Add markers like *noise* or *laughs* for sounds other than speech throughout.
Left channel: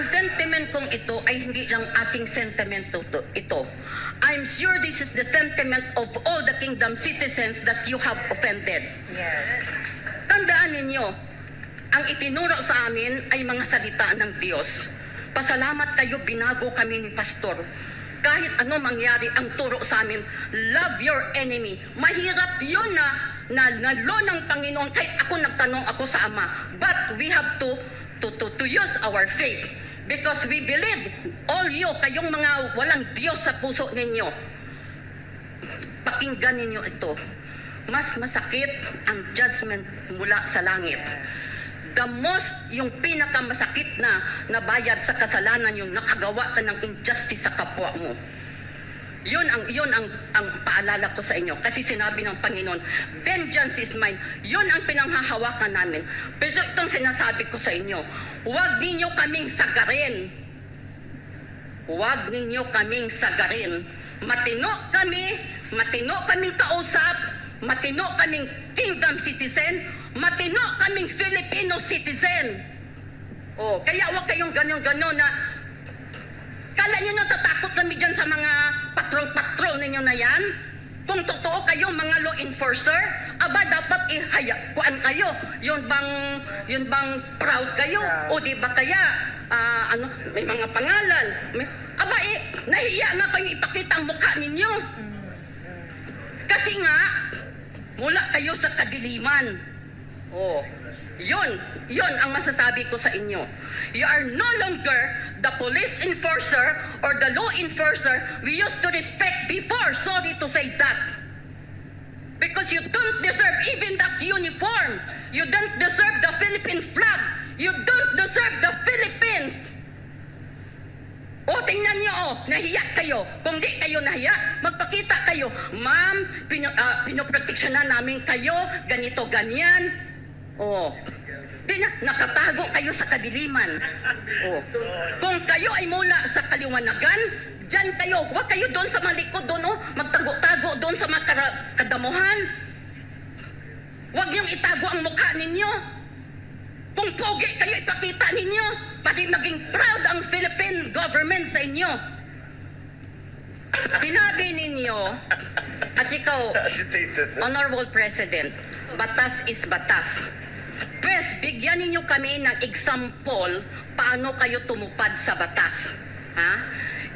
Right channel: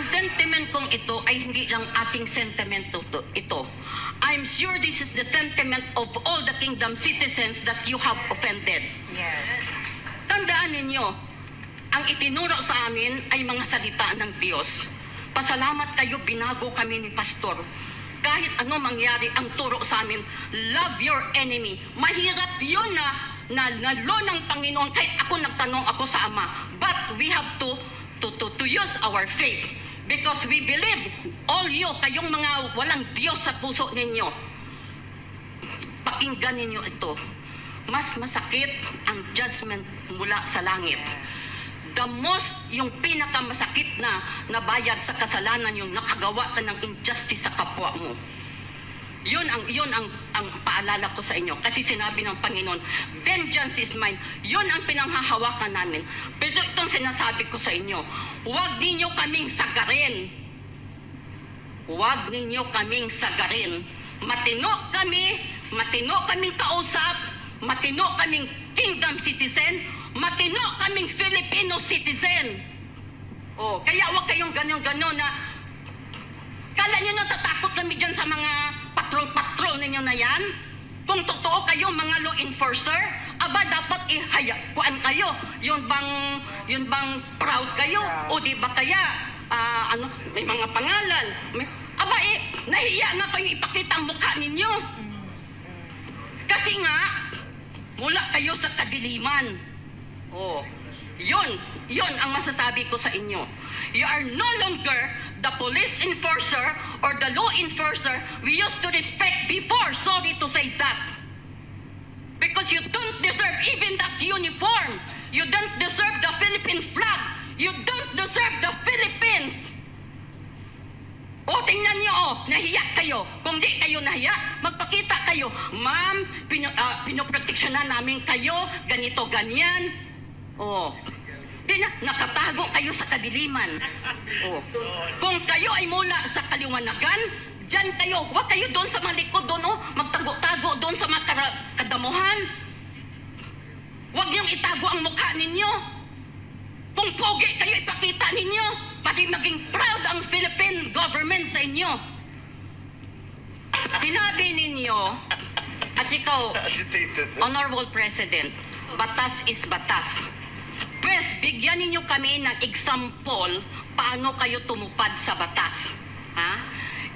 Ang sentiment kong ito ay hindi lang ating sentiment to- to- ito. I'm sure this is the sentiment of all the kingdom citizens that you have offended. Yes. Tandaan ninyo, ang itinuro sa amin ay mga salita ng Diyos. Pasalamat kayo, binago kami ni Pastor. Kahit ano mangyari ang turo sa amin, love your enemy. Mahirap yun na, na nalo ng Panginoon. Kahit ako nagtanong ako sa Ama. But we have to, to, to, to use our faith. Because we believe, all you, kayong mga walang Diyos sa puso ninyo, pakinggan ninyo ito. Mas masakit ang judgment mula sa langit. The most, yung pinakamasakit na nabayad sa kasalanan, yung nakagawa ka ng injustice sa kapwa mo. Yun ang yun ang ang paalala ko sa inyo kasi sinabi ng Panginoon, vengeance is mine. Yun ang pinanghahawakan namin. Pero itong sinasabi ko sa inyo, huwag ninyo kaming sagarin. Huwag ninyo kaming sagarin. Matino kami, matino kaming kausap, matino kaming kingdom citizen, matino kaming Filipino citizen. Oh, kaya huwag kayong ganyan-ganyan na Kala nyo natatakot kami dyan sa mga patrol-patrol ninyo na yan? Kung totoo kayo mga law enforcer, aba dapat ihaya, kuan kayo. Yun bang, yun bang proud kayo? O di ba kaya, ah, ano, may mga pangalan. May, aba eh, nahiya nga kayo ipakita ang mukha ninyo. Kasi nga, mula kayo sa kadiliman. Oh, yun, yun ang masasabi ko sa inyo. You are no longer the police enforcer or the law enforcer we used to respect before. Sorry to say that. Because you don't deserve even that uniform. You don't deserve the Philippine flag. You don't deserve the Philippines. O, tingnan niyo, oh, nahiya kayo. Kung di kayo nahiya, magpakita kayo. Ma'am, pino, uh, namin kayo, ganito, ganyan. Oh, di na, nakatago kayo sa kadiliman. Oh, kung kayo ay mula sa kaliwanagan, Diyan kayo, huwag kayo doon sa malikod doon, oh, magtago-tago doon sa mga kadamuhan. Huwag niyong itago ang mukha ninyo. Kung pogi kayo, ipakita ninyo. Pati maging proud ang Philippine government sa inyo. Sinabi ninyo, at ikaw, Agitated. Honorable President, batas is batas. First, bigyan ninyo kami ng example paano kayo tumupad sa batas. Ha?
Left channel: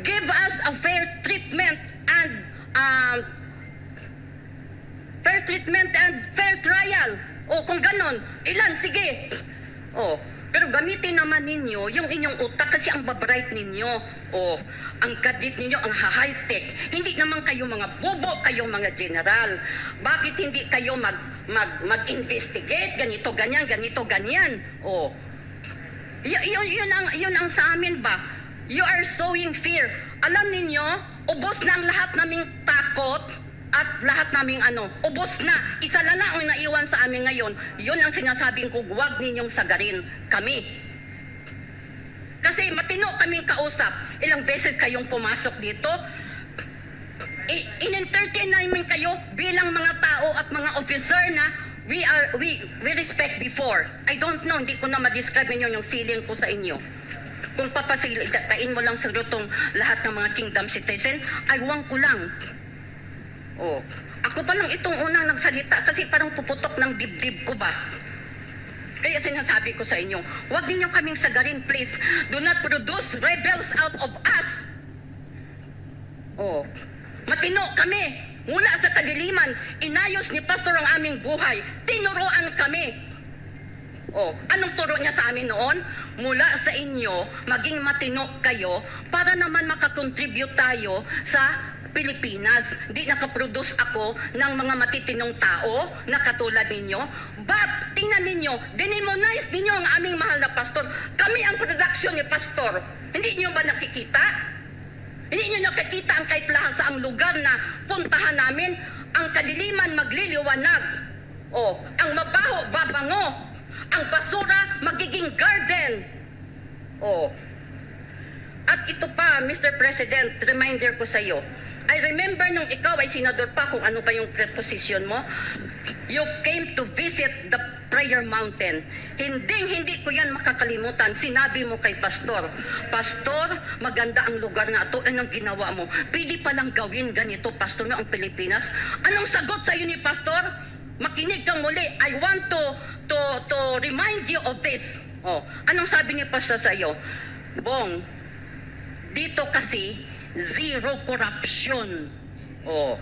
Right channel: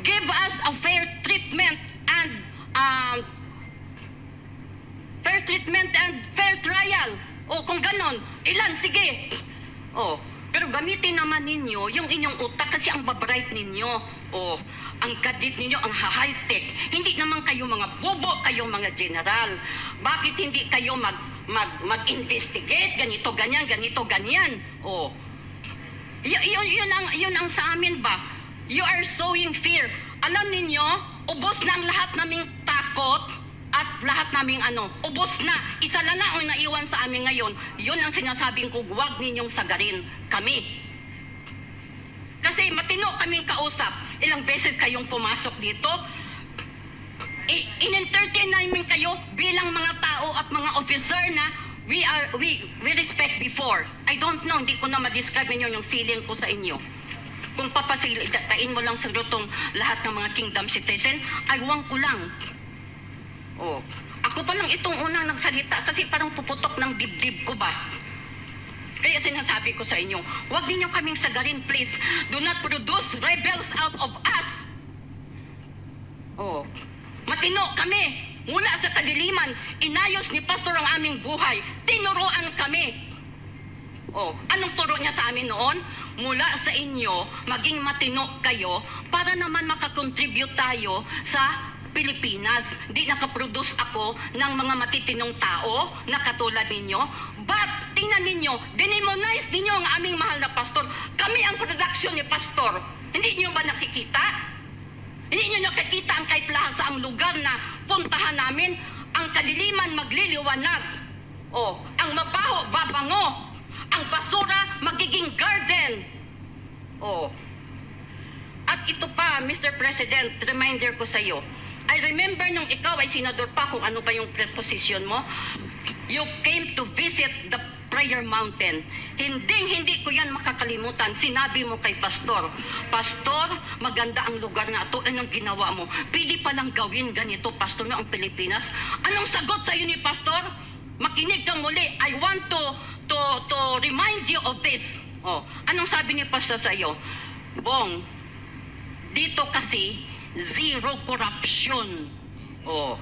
Give us a fair treatment and um, fair treatment and fair trial. O kung ganon, ilan? Sige. O, pero gamitin naman ninyo yung inyong utak kasi ang babright ninyo. O, ang kadit ninyo, ang high-tech. Hindi naman kayo mga bobo, kayo mga general. Bakit hindi kayo mag, mag, mag-investigate? Ganito, ganyan, ganito, ganyan. O, Y- yun, yun, ang, yun ang sa amin ba? You are sowing fear. Alam ninyo, ubos na ang lahat naming takot at lahat naming ano, ubos na. Isa lang na ang naiwan sa amin ngayon. Yun ang sinasabing ko, huwag ninyong sagarin kami. Kasi matino kaming kausap. Ilang beses kayong pumasok dito. I- in-entertain namin kayo bilang mga tao at mga officer na we are we we respect before. I don't know, hindi ko na ma-describe ninyo yung feeling ko sa inyo. Kung papasilitain mo lang sa tong lahat ng mga kingdom citizen, aywan ko lang. Oh, ako pa lang itong unang nagsalita kasi parang puputok ng dibdib ko ba. Kaya sinasabi ko sa inyo, huwag ninyo kaming sagarin, please. Do not produce rebels out of us. Oh, matino kami. Mula sa kadiliman, inayos ni Pastor ang aming buhay. Tinuruan kami. Oh, anong turo niya sa amin noon? Mula sa inyo, maging matino kayo para naman makakontribute tayo sa Pilipinas. Di nakaproduce ako ng mga matitinong tao na katulad ninyo. But, tingnan ninyo, dinimonize ninyo ang aming mahal na pastor. Kami ang production ni pastor. Hindi niyo ba nakikita? Hindi nyo nakikita ang kahit lahat sa ang lugar na puntahan namin, ang kadiliman magliliwanag. O, ang mabaho, babango. Ang basura, magiging garden. O. At ito pa, Mr. President, reminder ko sa iyo. I remember nung ikaw ay senador pa kung ano ba yung preposition mo. You came to visit the Prayer Mountain. Hindi, hindi ko yan makakalimutan. Sinabi mo kay Pastor, Pastor, maganda ang lugar na ito. Anong ginawa mo? Pwede palang gawin ganito, Pastor, no, ang Pilipinas. Anong sagot sa iyo ni Pastor? Makinig kang muli. I want to, to, to remind you of this. Oh, anong sabi ni Pastor sa iyo? Bong, dito kasi, zero corruption. Oh.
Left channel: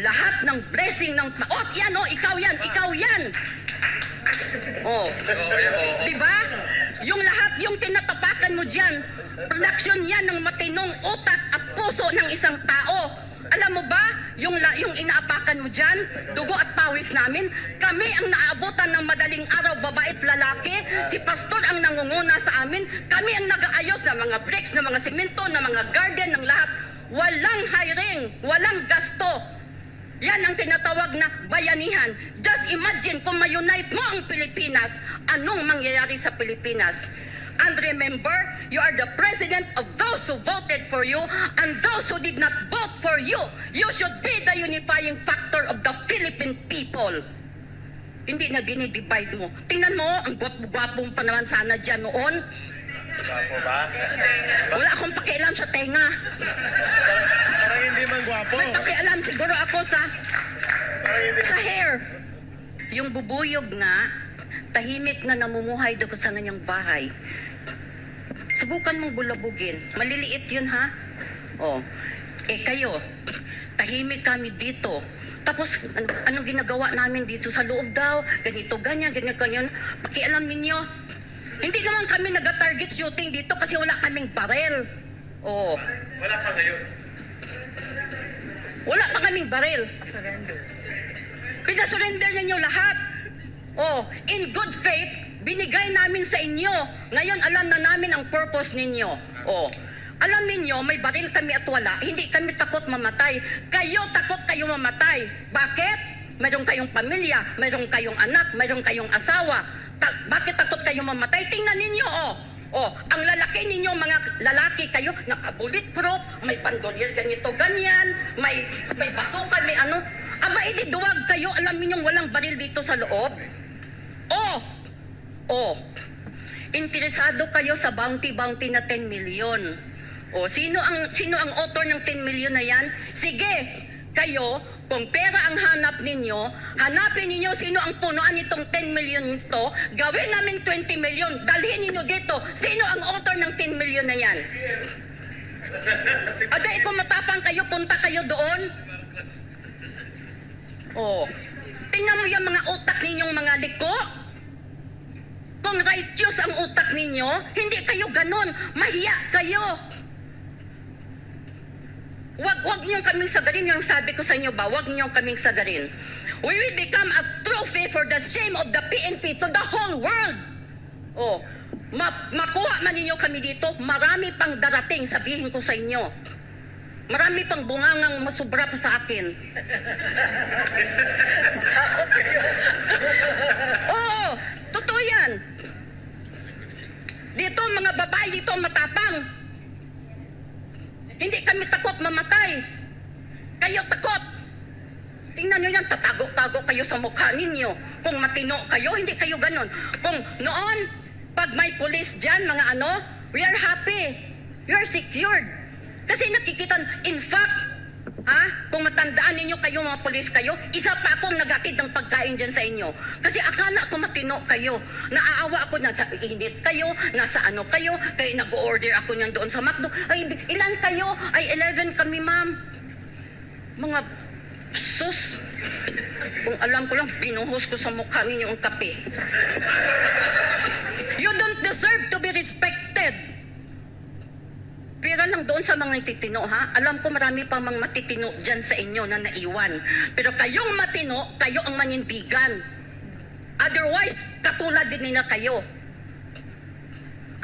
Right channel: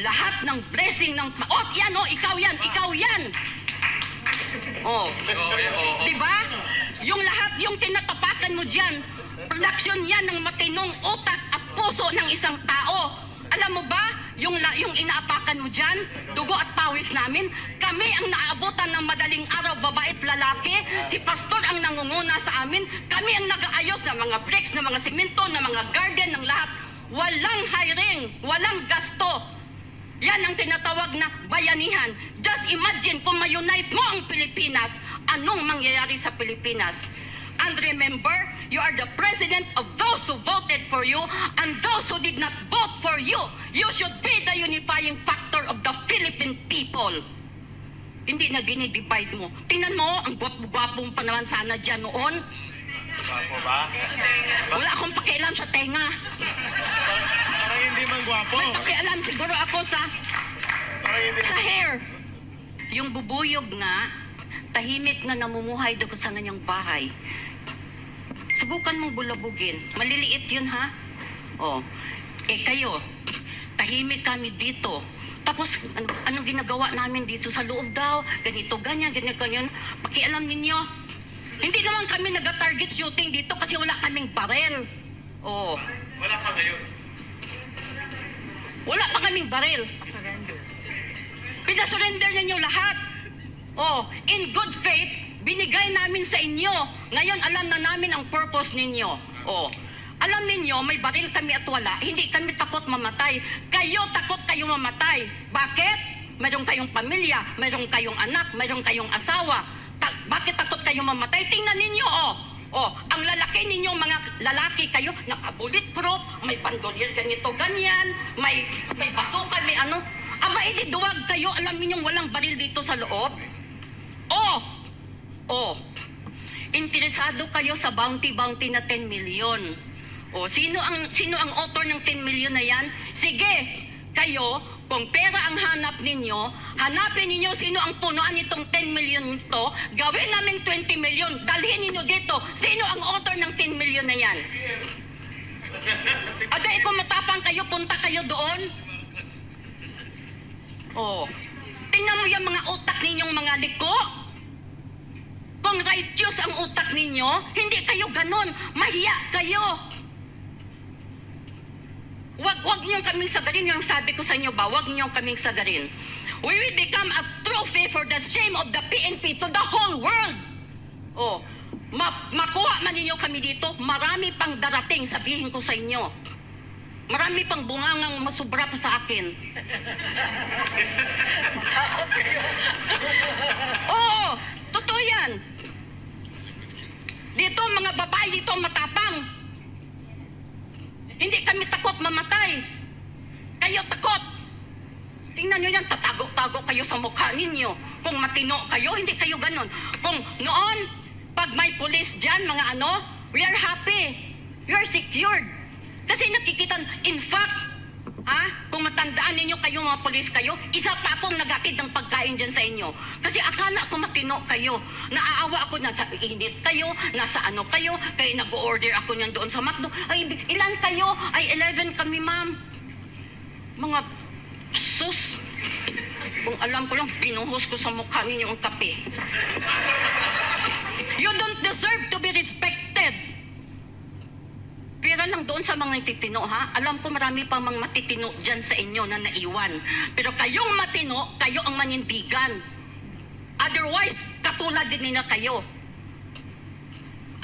Lahat ng blessing ng... Oh, yan oh, ikaw yan, ikaw yan. Oh. Di ba? Yung lahat, yung tinatapakan mo dyan, production yan ng matinong utak at puso ng isang tao. Alam mo ba, yung, la, yung inaapakan mo dyan, dugo at pawis namin, kami ang naabutan ng madaling araw, babae at lalaki, si pastor ang nangunguna sa amin, kami ang nag-aayos ng mga bricks, ng mga simento, ng mga garden, ng lahat. Walang hiring, walang gasto. Yan ang tinatawag na bayanihan. Just imagine kung ma-unite mo ang Pilipinas, anong mangyayari sa Pilipinas? And remember, you are the president of those who voted for you and those who did not vote for you. You should be the unifying factor of the Philippine people. Hindi na dinidivide mo. Tingnan mo, ang gwapo-gwapong pa naman sana dyan noon. Gwapo ba? Wala akong pakialam sa tenga. *laughs* Hindi man gwapo. May pakialam siguro ako sa sa hair. Yung bubuyog nga, tahimik na namumuhay doon sa kanyang bahay. Subukan mong bulabugin. Maliliit yun ha? Oh. Eh kayo, tahimik kami dito. Tapos, ano, anong ginagawa namin dito sa loob daw? Ganito, ganyan, ganyan, ganyan. Pakialam ninyo. Hindi naman kami nag-target shooting dito kasi wala kaming barel. Oh. Wala ka ngayon. Wala pa kaming baril. Pinasurrender ninyo lahat. Oh, in good faith, binigay namin sa inyo. Ngayon, alam na namin ang purpose ninyo. Oh, alam ninyo, may baril kami at wala. Hindi kami takot mamatay. Kayo takot kayo mamatay. Bakit? Mayroon kayong pamilya, mayroon kayong anak, mayroon kayong asawa. Ta- bakit takot kayo mamatay? Tingnan ninyo, oh. Oh, ang lalaki ninyo, mga lalaki kayo, naka-bulletproof, may bandolier ganito, ganyan, may, may basukan, may ano. Aba, edi duwag kayo, alam ninyong walang baril dito sa loob. Oh, oh, interesado kayo sa bounty-bounty na 10 million. O, sino ang, sino ang author ng 10 million na yan? Sige, kayo, kung pera ang hanap ninyo, hanapin ninyo sino ang punuan nitong 10 million nito, gawin namin 20 million, dalhin ninyo dito, sino ang author ng 10 million na yan? *laughs* Aday, kung matapang kayo, punta kayo doon. Oh, tingnan mo yung mga utak ninyong mga liko. Kung righteous ang utak ninyo, hindi kayo ganon. Mahiya kayo. Wag, wag niyong kaming sagarin. Yung sabi ko sa inyo ba, wag niyong kaming sagarin. We will become a trophy for the shame of the PNP to the whole world. Oh, ma makuha man ninyo kami dito, marami pang darating, sabihin ko sa inyo. Marami pang bungangang masubra pa sa akin. *laughs* Oo, totoo yan. Dito, mga babae dito matapang. Hindi kami takot mamatay. Kayo takot. Tingnan nyo yan, tatago-tago kayo sa mukha ninyo. Kung matino kayo, hindi kayo ganon. Kung noon, pag may pulis dyan, mga ano, we are happy. We are secured. Kasi nakikita, in fact, ha, kung matandaan ninyo kayo mga pulis kayo, isa pa akong nagatid ng pagkain dyan sa inyo. Kasi akala ko matino kayo. Naaawa ako na sa init kayo, nasa ano kayo, kaya nag-order ako niyan doon sa McDo. Ay, ilan kayo? Ay, 11 kami, ma'am. Mga sus. Kung alam ko lang, binuhos ko sa mukha ninyo ang kape. You don't deserve to be respected. Pero lang doon sa mga titino, ha? Alam ko marami pang mga matitino dyan sa inyo na naiwan. Pero kayong matino, kayo ang manindigan. Otherwise, katulad din nila kayo.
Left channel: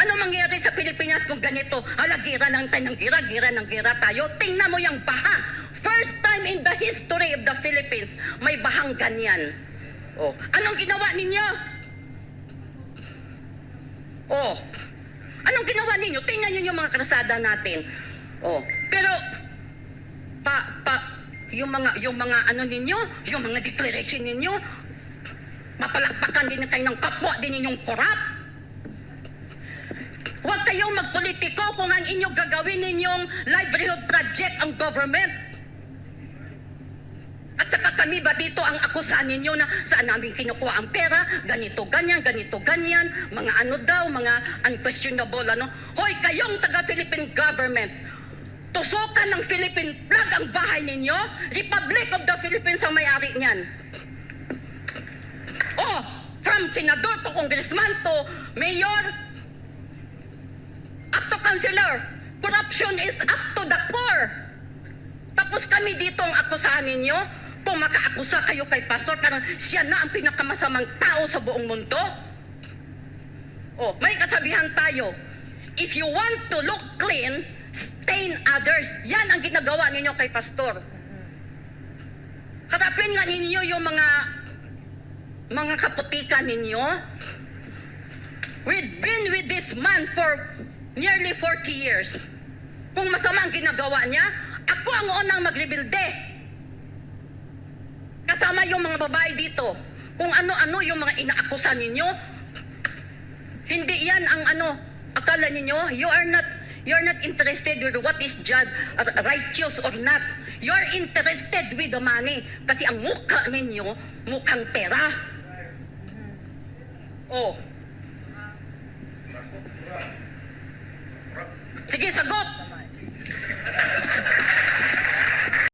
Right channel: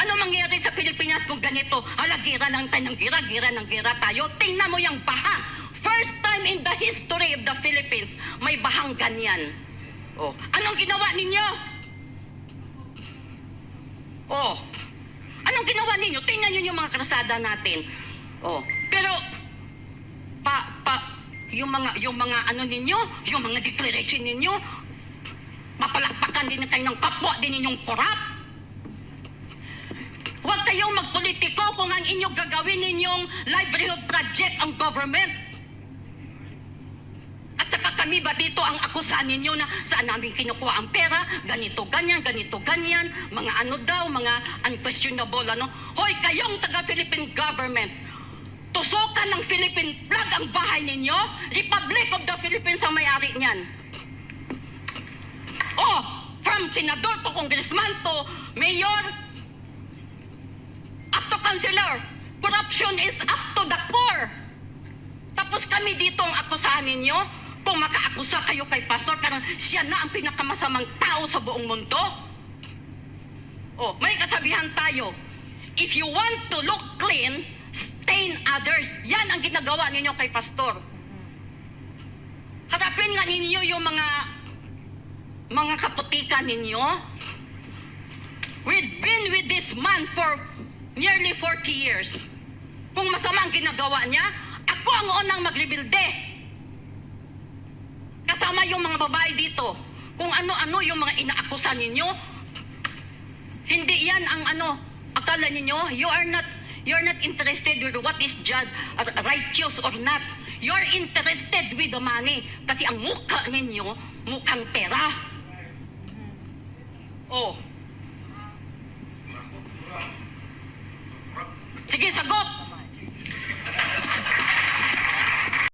Ano mangyayari sa Pilipinas kung ganito? Hala, gira lang tayo ng gira, gira ng gira tayo. Tingnan mo yung baha. First time in the history of the Philippines, may bahang ganyan. Oh, anong ginawa ninyo? Oh, anong ginawa ninyo? Tingnan nyo yung mga krasada natin. Oh, pero pa pa yung mga yung mga ano ninyo, yung mga declaration ninyo, papalakpakan din kayo ng kapwa din ninyong korap. Huwag kayong magpolitiko kung ang inyong gagawin ninyong livelihood project ang government. At saka kami ba dito ang akusahan ninyo na saan namin kinukuha ang pera, ganito, ganyan, ganito, ganyan, mga ano daw, mga unquestionable, ano. Hoy, kayong taga-Philippine government, tusukan ng Philippine flag ang bahay ninyo, Republic of the Philippines ang may-ari niyan. Oh, from senador to congressman to mayor, up to councilor, corruption is up to the core. Tapos kami dito ang akusahan ninyo, kung makaakusa kayo kay pastor, parang siya na ang pinakamasamang tao sa buong mundo. Oh, may kasabihan tayo, if you want to look clean, stain others. Yan ang ginagawa ninyo kay pastor. Harapin nga ninyo yung mga mga kaputikan ninyo. We've been with this man for nearly 40 years. Kung masama ang ginagawa niya, ako ang unang magrebilde. Kasama yung mga babae dito. Kung ano-ano yung mga inaakusan ninyo, hindi yan ang ano, akala ninyo, you are not you are not interested with what is just righteous or not. You are interested with the money. Kasi ang mukha ninyo, mukhang pera. Oh. Sige, sagot.